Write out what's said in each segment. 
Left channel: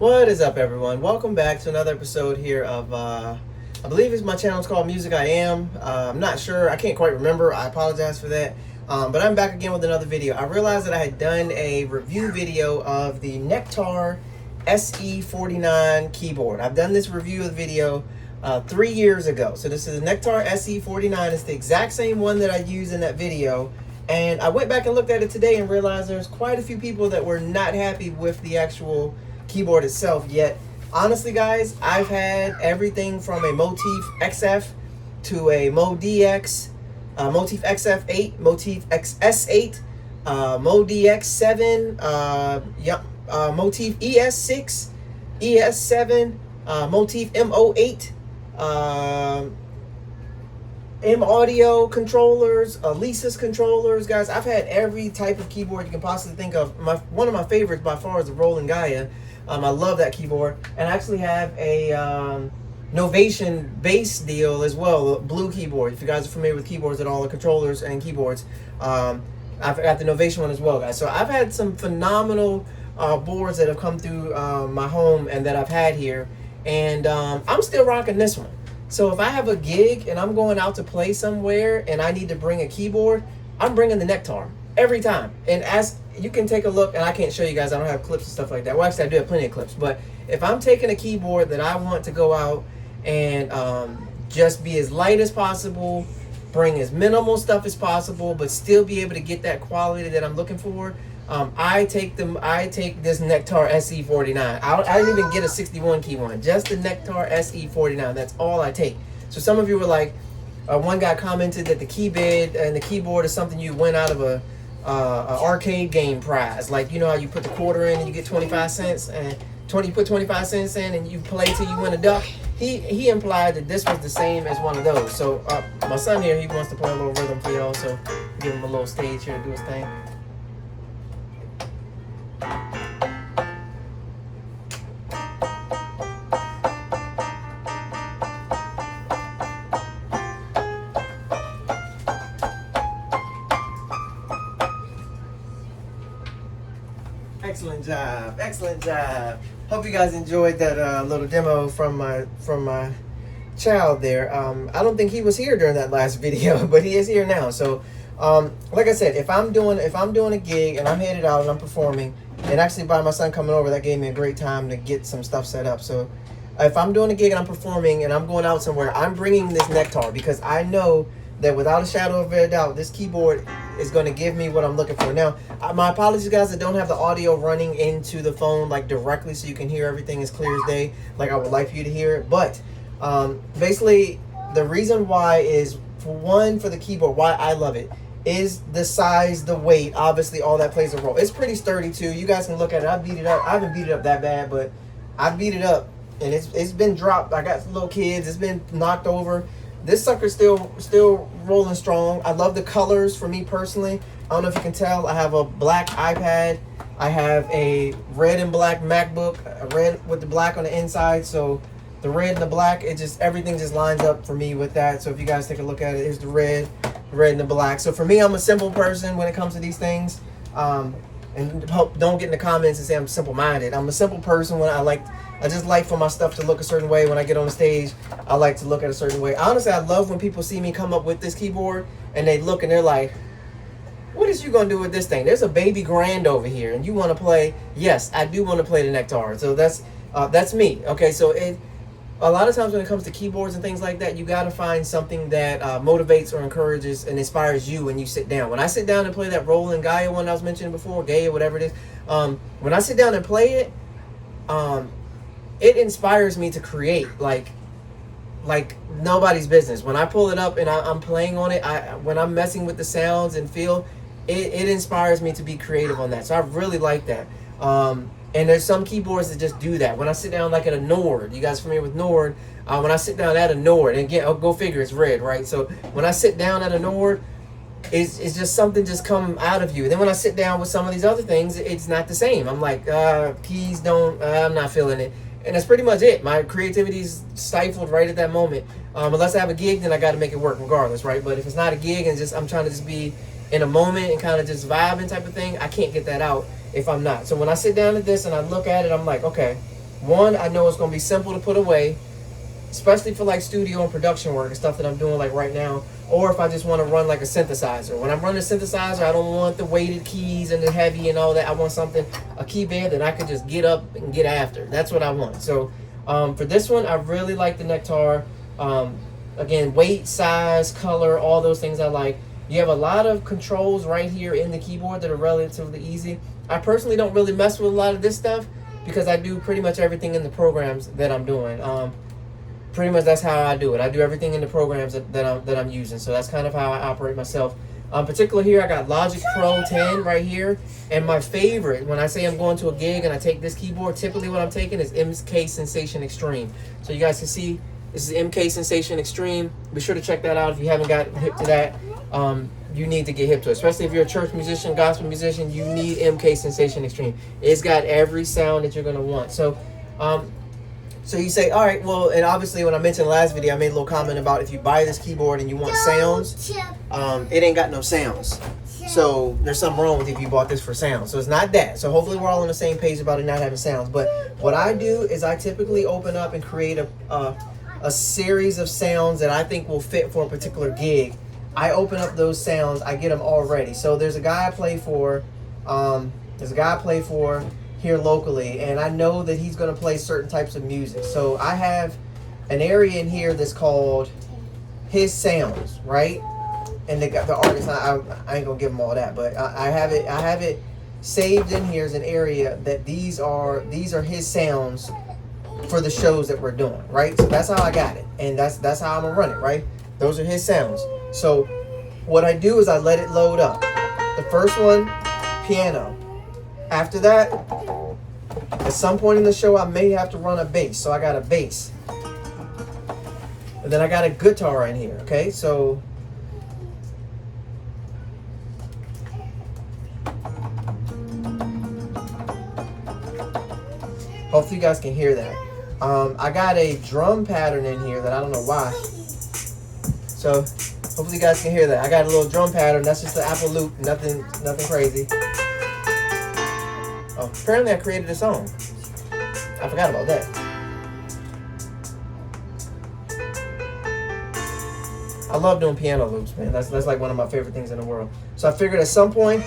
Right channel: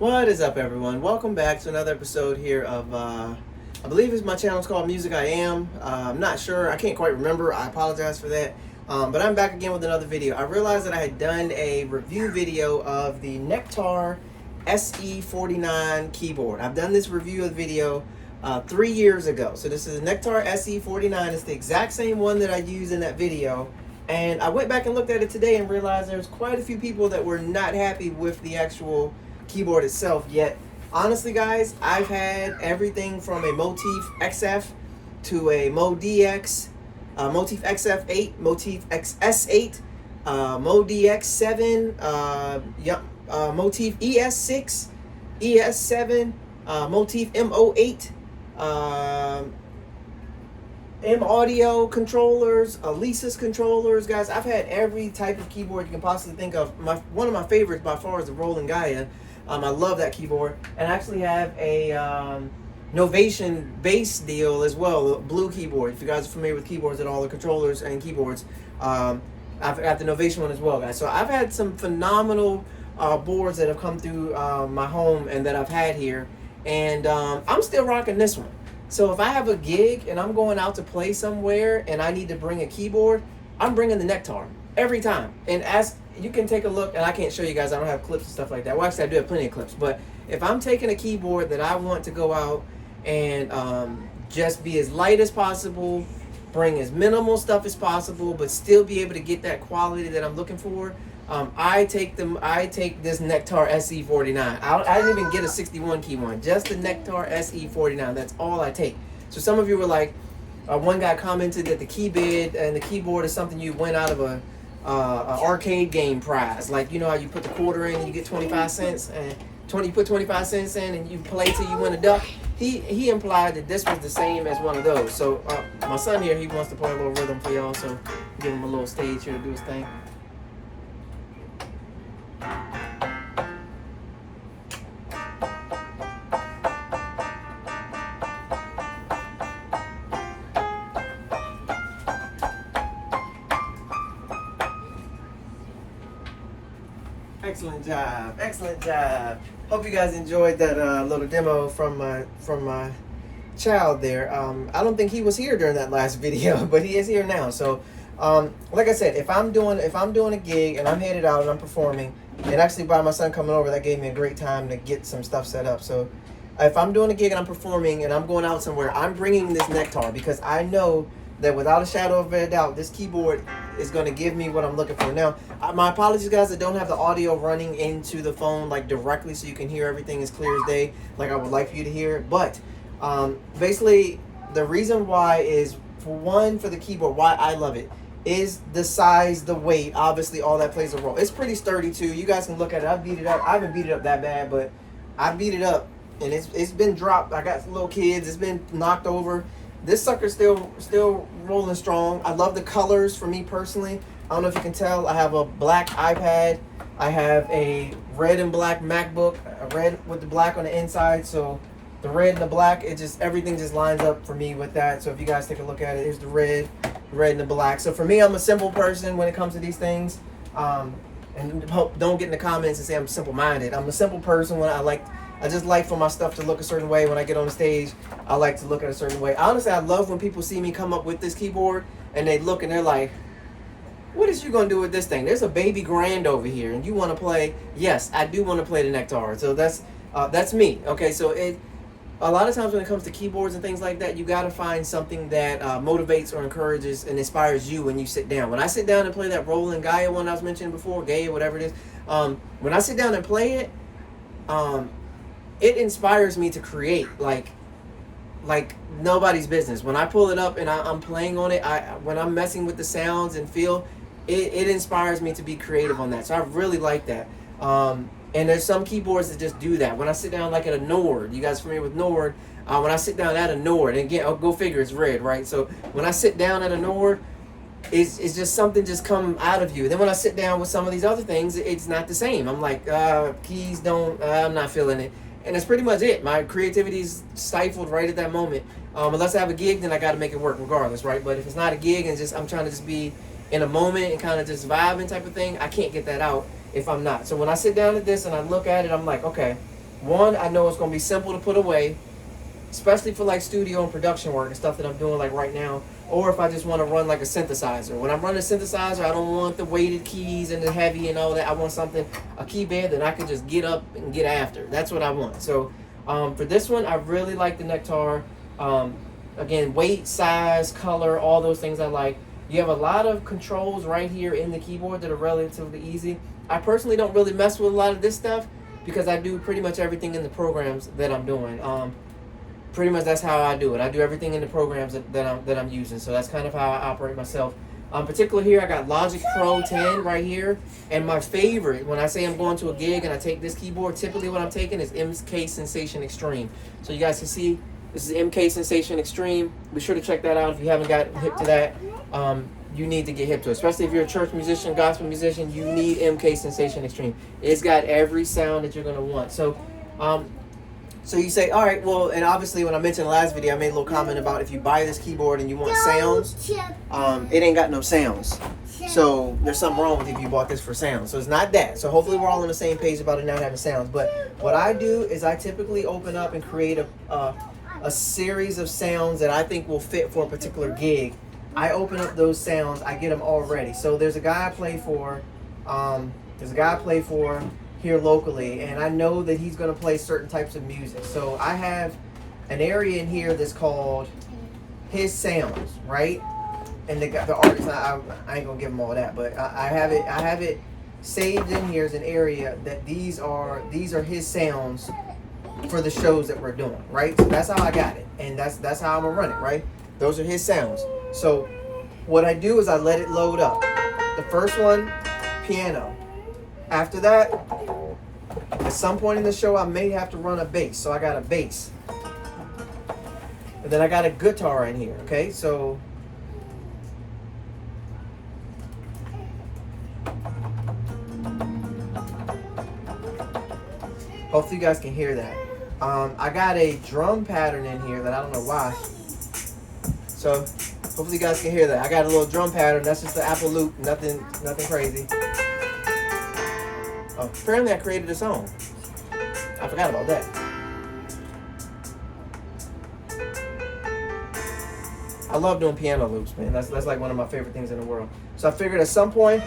What is up, everyone? Welcome back to another episode here of, I believe my channel is called Music I Am. I'm not sure. I can't quite remember. I apologize for that. But I'm back again with another video. I realized that I had done a review video of the Nektar SE49 keyboard. I've done this review of the video 3 years ago. So this is the Nektar SE49. It's the exact same one that I used in that video. And I went back and looked at it today and realized there's quite a few people that were not happy with the actual keyboard itself. Yet honestly, guys, I've had everything from a Motif XF to a MoDX, Motif XF8, Motif XS8, MoDX7, Motif ES6, ES7, Motif M08, M audio controllers, Alesis controllers. Guys, I've had every type of keyboard you can possibly think of. One of my favorites by far is the Roland Gaia. I love that keyboard, and I actually have a Novation bass deal as well, blue keyboard. If you guys are familiar with keyboards at all, the controllers and keyboards, I've got the Novation one as well, guys. So I've had some phenomenal boards that have come through my home and that I've had here, and I'm still rocking this one. So if I have a gig and I'm going out to play somewhere and I need to bring a keyboard, I'm bringing the Nektar every time. And as you can take a look, and I can't show you guys, I don't have clips and stuff like that. Well, actually I do have plenty of clips, but if I'm taking a keyboard that I want to go out and just be as light as possible, bring as minimal stuff as possible, but still be able to get that quality that I'm looking for, I take this Nektar SE49. I didn't even get a 61 key one, just the Nektar SE49. That's all I take. So some of you were like, one guy commented that the key bed and the keyboard is something you win out of a arcade game prize. Like, you know how you put the quarter in and you get 25 cents, and you put 25 cents in and you play till you win a duck. He implied that this was the same as one of those. So my son here, he wants to play a little rhythm for y'all, so give him a little stage here to do his thing. Excellent job, excellent job. Hope you guys enjoyed that little demo from my child there. I don't think he was here during that last video, but he is here now. So like I said, if I'm doing a gig and I'm headed out and I'm performing, and actually by my son coming over, that gave me a great time to get some stuff set up. So if I'm doing a gig and I'm performing and I'm going out somewhere, I'm bringing this Nektar because I know that without a shadow of a doubt, this keyboard is going to give me what I'm looking for. Now, my apologies, guys, I don't have the audio running into the phone like directly so you can hear everything as clear as day like I would like for you to hear it. But basically, the reason why is, for one, for the keyboard, why I love it, is the size, the weight. Obviously, all that plays a role. It's pretty sturdy, too. You guys can look at it. I beat it up. I haven't beat it up that bad, but I beat it up, and it's been dropped. I got little kids. It's been knocked over. This sucker's still rolling strong. I love the colors. For me personally, I don't know if you can tell, I have a black iPad. I have a red and black MacBook, a red with the black on the inside. So the red and the black, everything just lines up for me with that. So if you guys take a look at it, here's the red and the black. So for me, I'm a simple person when it comes to these things. And don't get in the comments and say I'm simple-minded. I'm a simple person when I just like for my stuff to look a certain way. When I get on the stage, I like to look at a certain way. Honestly, I love when people see me come up with this keyboard and they look and they're like, what is you gonna do with this thing? There's a baby grand over here and you wanna play. Yes, I do wanna play the Nektar. So that's me. Okay, so a lot of times when it comes to keyboards and things like that, you gotta find something that motivates or encourages and inspires you when you sit down. When I sit down and play that Roland Gaia one I was mentioning before, Gaia, whatever it is, when I sit down and play it, it inspires me to create like nobody's business. When I pull it up and I'm playing on it, when I'm messing with the sounds and feel, it inspires me to be creative on that. So I really like that. And there's some keyboards that just do that. When I sit down like at a Nord, you guys familiar with Nord? When I sit down at a Nord, and again, go figure, it's red, right? So when I sit down at a Nord, it's just something just come out of you. Then when I sit down with some of these other things, it's not the same. I'm like, keys don't, I'm not feeling it. And that's pretty much it. My creativity is stifled right at that moment. Unless I have a gig, then I got to make it work regardless, right? But if it's not a gig and I'm trying to just be in a moment and kind of just vibing type of thing, I can't get that out if I'm not. So when I sit down at this and I look at it, I'm like, okay, One, I know it's going to be simple to put away, especially for like studio and production work and stuff that I'm doing like right now. Or if I just want to run like a synthesizer. When I'm running a synthesizer, I don't want the weighted keys and the heavy and all that. I want something, a key bed that I could just get up and get after. That's what I want. So for this one, I really like the Nektar. Again, weight, size, color, all those things I like. You have a lot of controls right here in the keyboard that are relatively easy. I personally don't really mess with a lot of this stuff because I do pretty much everything in the programs that I'm doing. Pretty much that's how I do it. I do everything in the programs that I'm using. So that's kind of how I operate myself. Particular here, I got Logic Pro 10 right here. And my favorite, when I say I'm going to a gig and I take this keyboard, typically what I'm taking is Mksensation Extreme. So you guys can see, this is Mksensation Extreme. Be sure to check that out if you haven't got hip to that. You need to get hip to it. Especially if you're a church musician, gospel musician, you need Mksensation Extreme. It's got every sound that you're going to want. So you say, all right, well, and obviously when I mentioned the last video, I made a little comment about if you buy this keyboard and you want sounds, it ain't got no sounds. So there's something wrong with if you bought this for sound. So it's not that. So hopefully we're all on the same page about it not having sounds. But what I do is I typically open up and create a series of sounds that I think will fit for a particular gig. I open up those sounds, I get them all ready. So there's a guy I play for, here locally, and I know that he's going to play certain types of music. So I have an area in here that's called his sounds, right? And the artist, I ain't gonna give them all that, but I have it saved in here as an area that these are his sounds for the shows that we're doing, right? So that's how I got it, and that's how I'm gonna run it, right? Those are his sounds. So what I do is I let it load up. The first one, piano. After that, at some point in the show, I may have to run a bass. So I got a bass. And then I got a guitar in here, okay? So hopefully you guys can hear that. I got a drum pattern in here that I don't know why. So hopefully you guys can hear that. I got a little drum pattern. That's just the Apple loop. Nothing crazy. Oh, apparently I created a song. I forgot about that. I love doing piano loops, man. That's like one of my favorite things in the world. So I figured at some point,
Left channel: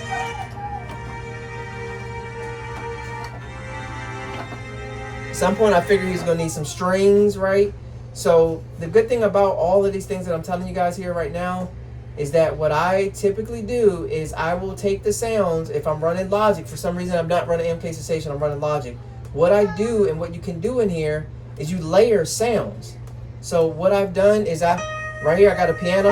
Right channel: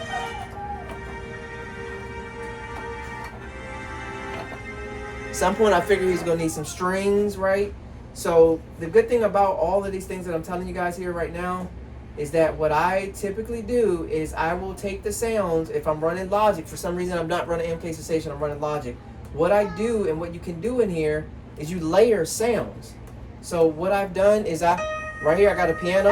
I figured he's gonna need some strings, right? So the good thing about all of these things that I'm telling you guys here right now is that what I typically do is I will take the sounds. If I'm running Logic, for some reason I'm not running Mksensation, I'm running Logic. What I do and what you can do in here is you layer sounds. So what I've done is right here I got a piano.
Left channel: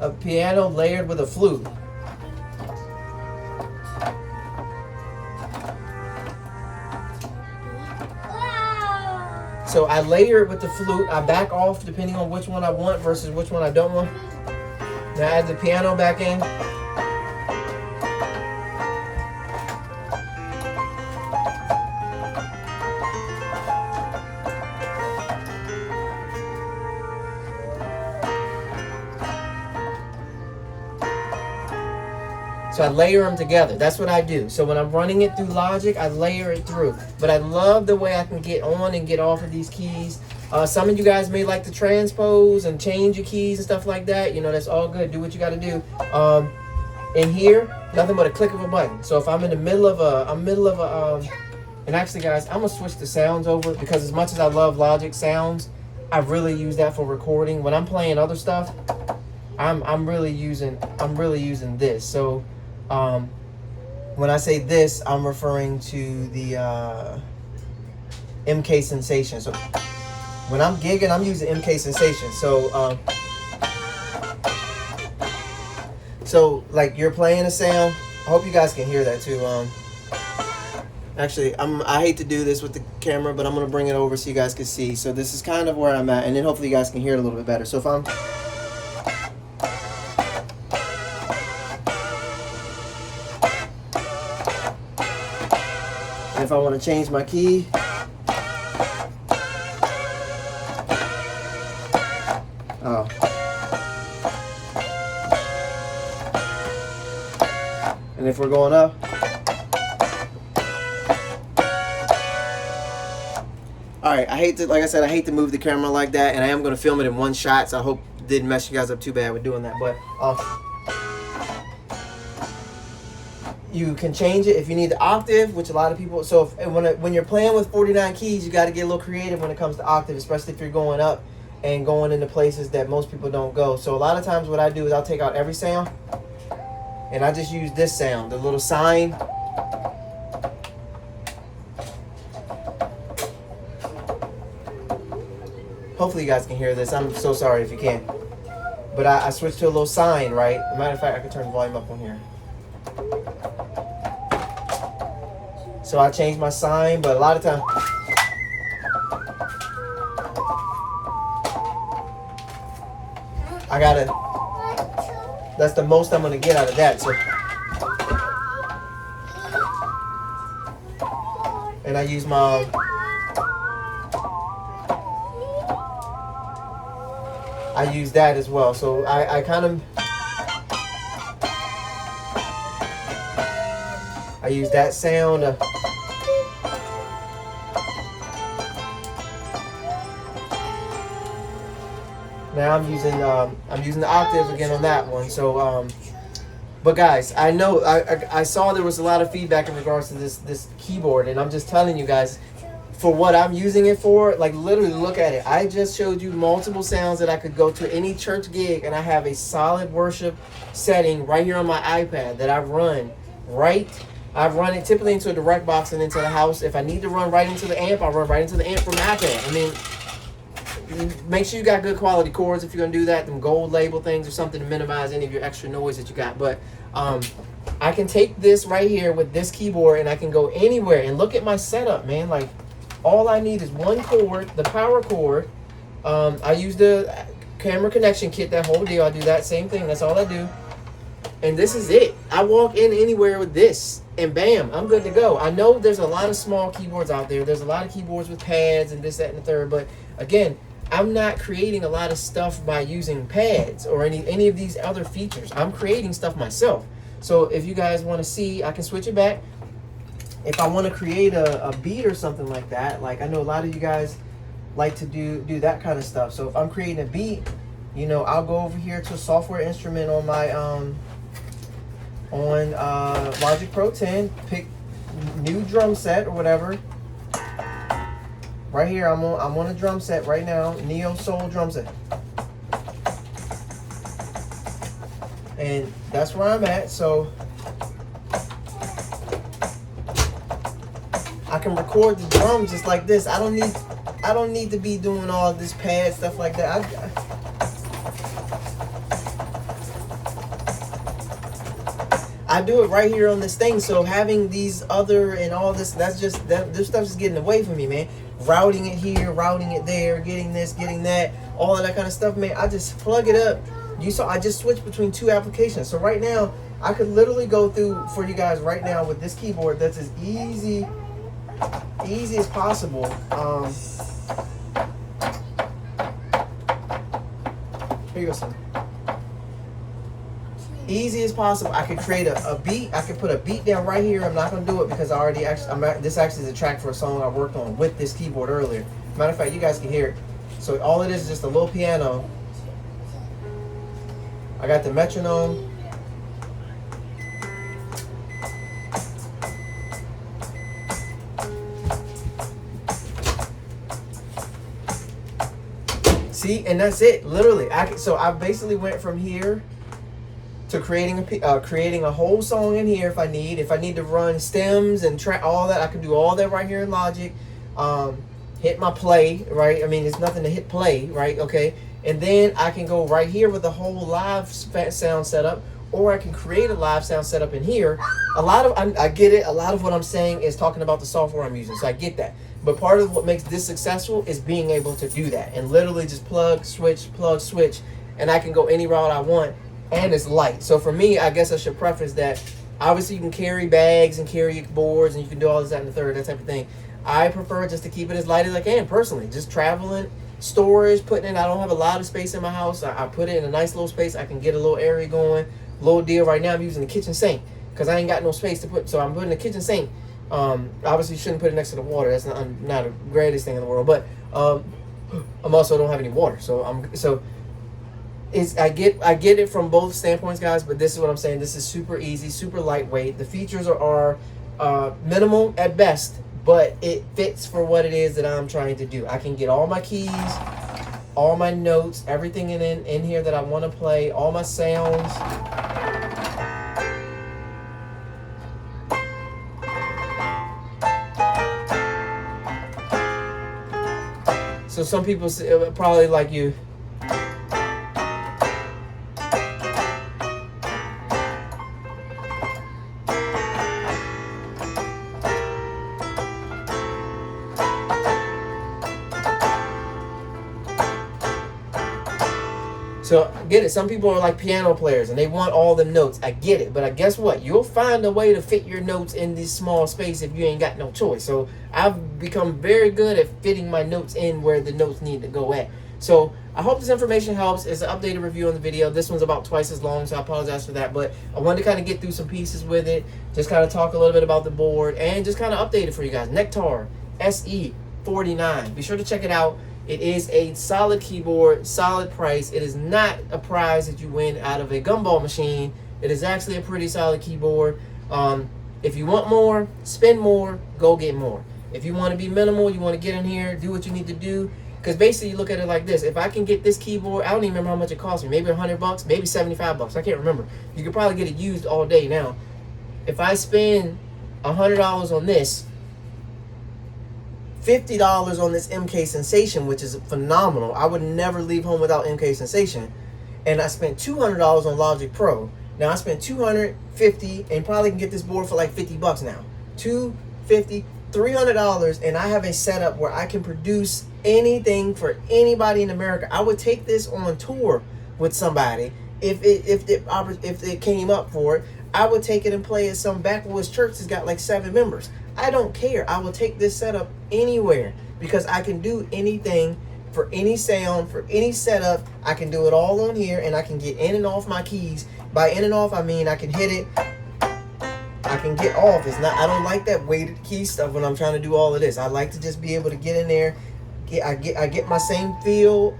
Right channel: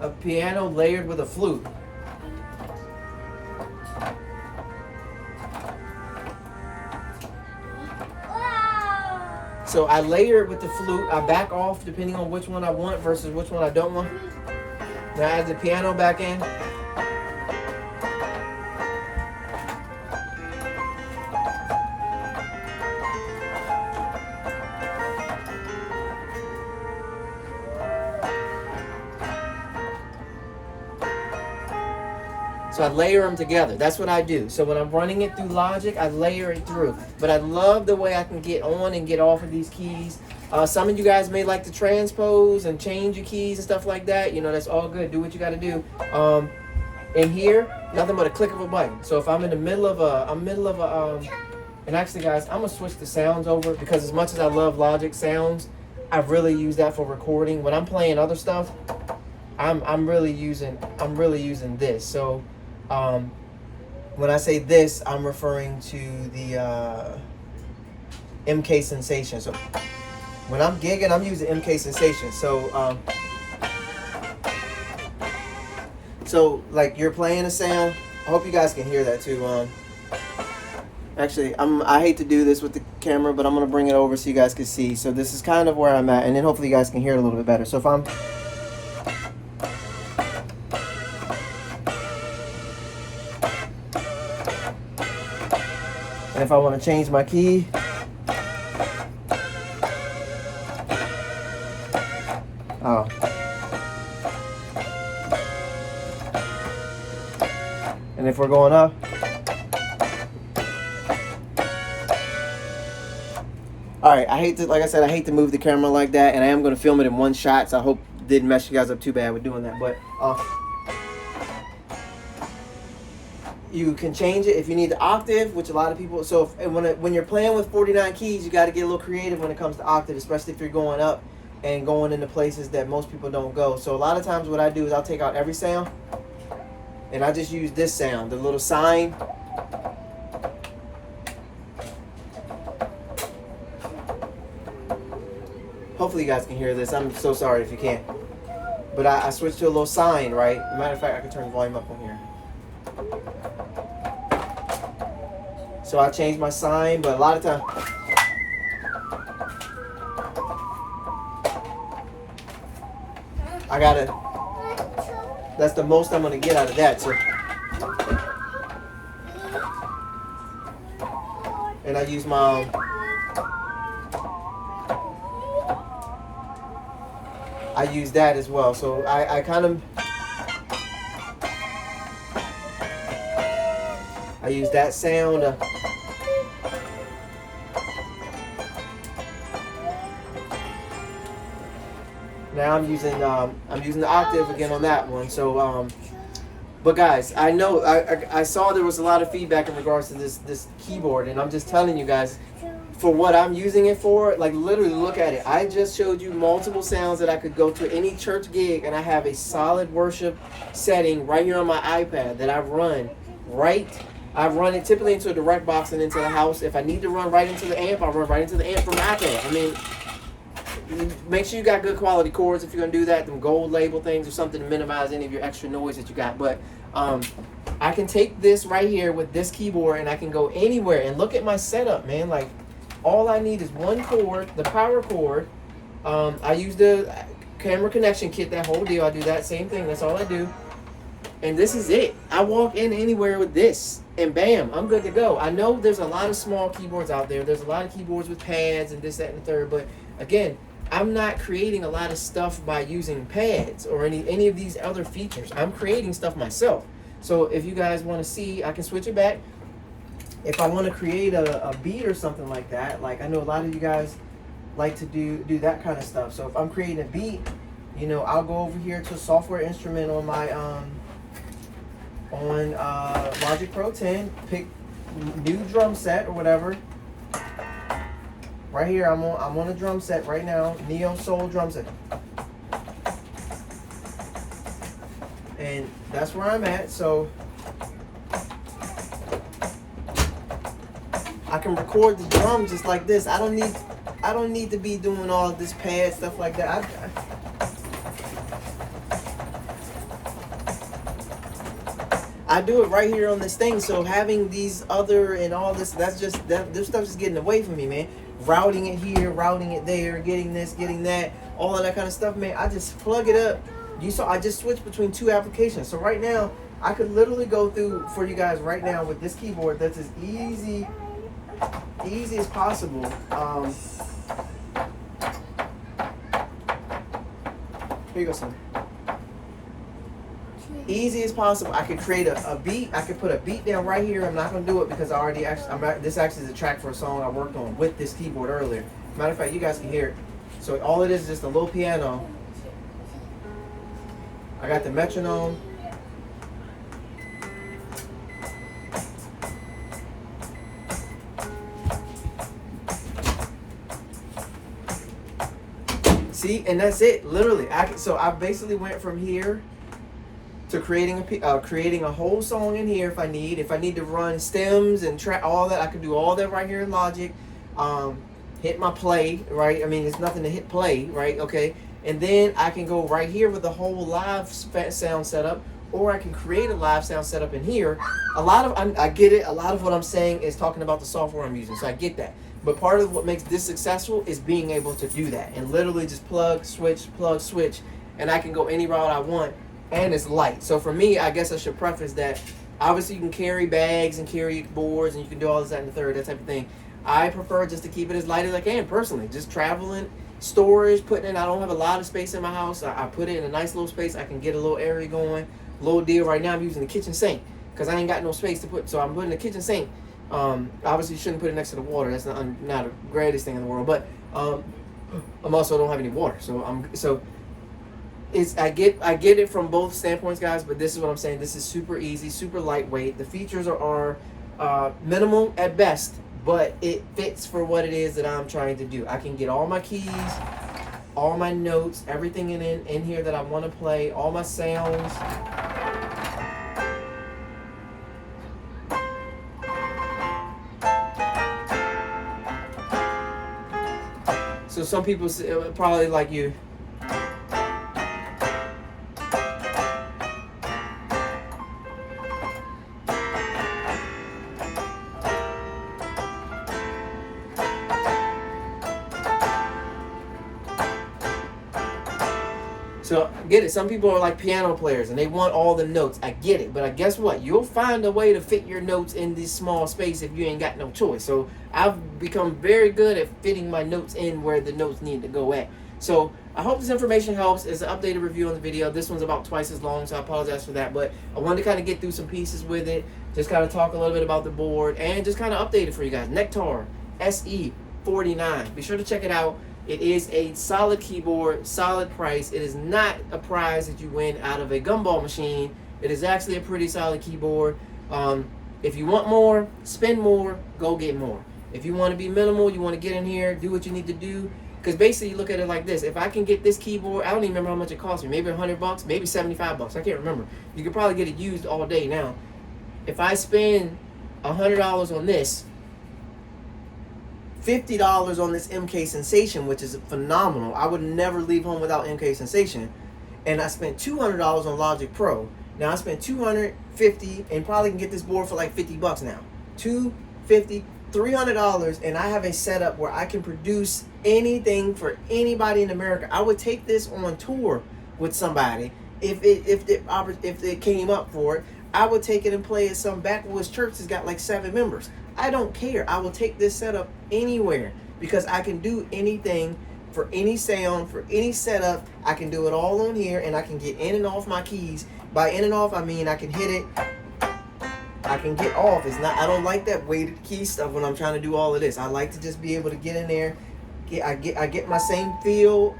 A piano layered with a flute. So I layer it with the flute. I back off depending on which one I want versus which one I don't want. Now I add the piano back in. So I layer them together. That's what I do. So when I'm running it through Logic, I layer it through. But I love the way I can get on and get off of these keys. Some of you guys may like to transpose and change your keys and stuff like that. You know, that's all good. Do what you got to do. In here, nothing but a click of a button. So if I'm in the middle of and actually guys, I'm gonna switch the sounds over because as much as I love Logic sounds, I really use that for recording. When I'm playing other stuff, I'm really using this. So when I say this, I'm referring to the Mksensation. So when I'm gigging, I'm using Mksensation. So like you're playing a sound. I hope you guys can hear that too. Actually, I hate to do this with the camera, but I'm gonna bring it over so you guys can see. So this is kind of where I'm at, and then hopefully you guys can hear it a little bit better. So if I want to change my key, And if we're going up, all right, like I said, I hate to move the camera like that, and I am going to film it in one shot, so I hope it didn't mess you guys up too bad with doing that. But you can change it if you need the octave, which a lot of people, so when you're playing with 49 keys, you got to get a little creative when it comes to octave, especially if you're going up and going into places that most people don't go. So a lot of times what I do is I'll take out every sound, and I just use this sound, the little sign. Hopefully you guys can hear this. I'm so sorry if you can't. But I switched to a little sign, right? As a matter of fact, I can turn the volume up on here. So I changed my sign, but a lot of times, that's the most I'm gonna get out of that. So, and I use my, I use that as well. So I kind of, I use that sound. Now I'm using the octave again on that one. So but guys, I know I saw there was a lot of feedback in regards to this keyboard, and I'm just telling you guys, for what I'm using it for, like literally look at it. I just showed you multiple sounds that I could go to any church gig, and I have a solid worship setting right here on my iPad that I run I've run it typically into a direct box and into the house. If I need to run right into the amp, I'll run right into the amp from my iPad. I mean, make sure you got good quality cords if you're gonna do that, them gold label things or something to minimize any of your extra noise that you got. But I can take this right here with this keyboard and I can go anywhere. And look at my setup, man. Like, all I need is one cord, the power cord. I use the camera connection kit, that whole deal. I do that same thing. That's all I do. And this is it. I walk in anywhere with this, and bam, I'm good to go. I know there's a lot of small keyboards out there. There's a lot of keyboards with pads and this, that, and the third. But again, I'm not creating a lot of stuff by using pads or any of these other features. I'm creating stuff myself. So if you guys want to see, I can switch it back. If I want to create a beat or something like that, like I know a lot of you guys like to do that kind of stuff. So if I'm creating a beat, you know, I'll go over here to a software instrument on my Logic Pro 10, pick new drum set or whatever. Right here, I'm on a drum set right now, Neo Soul drum set. And that's where I'm at. So I can record the drums just like this. I don't need to be doing all this pad stuff like that. I do it right here on this thing. So having these other and all this, this stuff's just getting away from me, man. Routing it here, routing it there, getting this, getting that, all of that kind of stuff, man. I just plug it up. You saw I just switched between two applications. So right now, I could literally go through for you guys right now with this keyboard. That's as easy as possible. Here you go, son. Easy as possible. I could create a beat. I could put a beat down right here. I'm not gonna do it because I already this actually is a track for a song I worked on with this keyboard earlier. Matter of fact, you guys can hear it. So all it is just a little piano. I got the metronome. See, and that's it. Literally, so I basically went from here to creating a whole song in here if I need to run stems and track all that. I can do all that right here in Logic. Hit my play, right? I mean, it's nothing to hit play, right? Okay, and then I can go right here with the whole live sound setup, or I can create a live sound setup in here. I get it. A lot of what I'm saying is talking about the software I'm using, so I get that. But part of what makes this successful is being able to do that and literally just plug, switch, and I can go any route I want. And it's light. So for me, I guess I should preface that obviously you can carry bags and carry boards and you can do all this, that, and the third, that type of thing. I prefer just to keep it as light as I can personally. Just traveling, storage, putting in. I don't have a lot of space in my house. I put it in a nice little space. I can get a little area going. Little deal right now, I'm using the kitchen sink. because I ain't got no space to put. So I'm putting the kitchen sink. Obviously, you shouldn't put it next to the water. That's not the greatest thing in the world. But I'm also don't have any water. So I get it from both standpoints, guys. But this is what I'm saying. This is super easy, super lightweight. The features are minimal at best, but it fits for what it is that I'm trying to do. I can get all my keys, all my notes, everything in here that I want to play, all my sounds. So some people probably like you. So get it. Some people are like piano players and they want all the notes. I get it, but I guess what? You'll find a way to fit your notes in this small space if you ain't got no choice. So I've become very good at fitting my notes in where the notes need to go at. So I hope this information helps. It's an updated review on the video. This one's about twice as long, so I apologize for that. But I wanted to kind of get through some pieces with it, just kind of talk a little bit about the board, and just kind of update it for you guys. Nektar SE49. Be sure to check it out. It is a solid keyboard, solid price. It is not a prize that you win out of a gumball machine. It is actually a pretty solid keyboard. If you want more, spend more, go get more. If you want to be minimal, you want to get in here, do what you need to do. Because basically, you look at it like this. If I can get this keyboard, I don't even remember how much it cost me. Maybe $100, maybe $75. I can't remember. You could probably get it used all day now. If I spend $100 on this, $50 on this Mksensation, which is phenomenal. I would never leave home without Mksensation. And I spent $200 on Logic Pro. Now I spent $250 and probably can get this board for like $50 now. $250, $300, and I have a setup where I can produce anything for anybody in America. I would take this on tour with somebody if it came up for it. I would take it and play at some backwoods church that's got like 7 members. I don't care. I will take this setup anywhere because I can do anything for any sound, for any setup. I can do it all on here, and I can get in and off my keys. By in and off, I mean I can hit it. I can get off. It's not. I don't like that weighted key stuff when I'm trying to do all of this. I like to just be able to get in there. I get my same feel.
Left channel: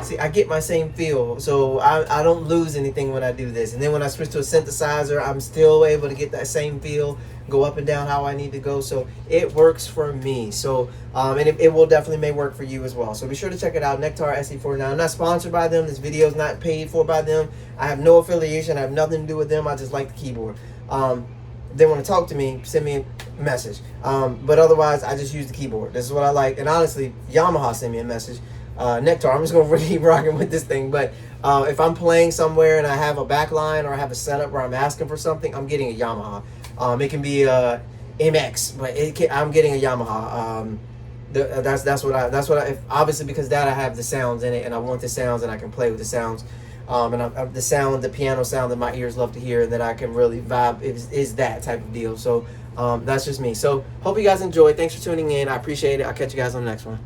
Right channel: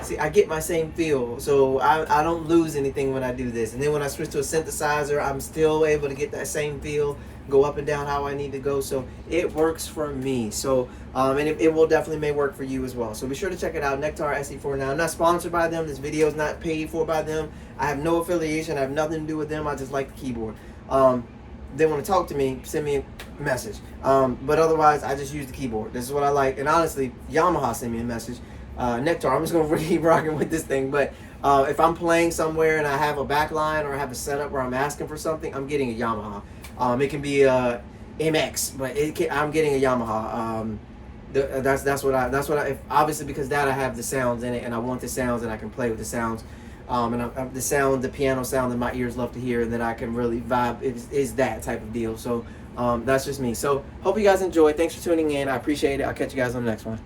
See, I get my same feel, so I don't lose anything when I do this. And then when I switch to a synthesizer, I'm still able to get that same feel, go up and down how I need to go. So it works for me. So and it will definitely may work for you as well. So be sure to check it out, Nektar SE49. I'm not sponsored by them. This video is not paid for by them. I have no affiliation. I have nothing to do with them. I just like the keyboard. They want to talk to me, send me a message. But otherwise, I just use the keyboard. This is what I like. And honestly, Yamaha sent me a message. Nektar, I'm just going to keep rocking with this thing. But if I'm playing somewhere and I have a backline or I have a setup where I'm asking for something, I'm getting a Yamaha. It can be a MX, but I'm getting a Yamaha. That's what I obviously, because that I have the sounds in it, and I want the sounds, and I can play with the sounds. And the piano sound that my ears love to hear and that I can really vibe is that type of deal. So that's just me. So hope you guys enjoyed. Thanks for tuning in. I appreciate it. I'll catch you guys on the next one.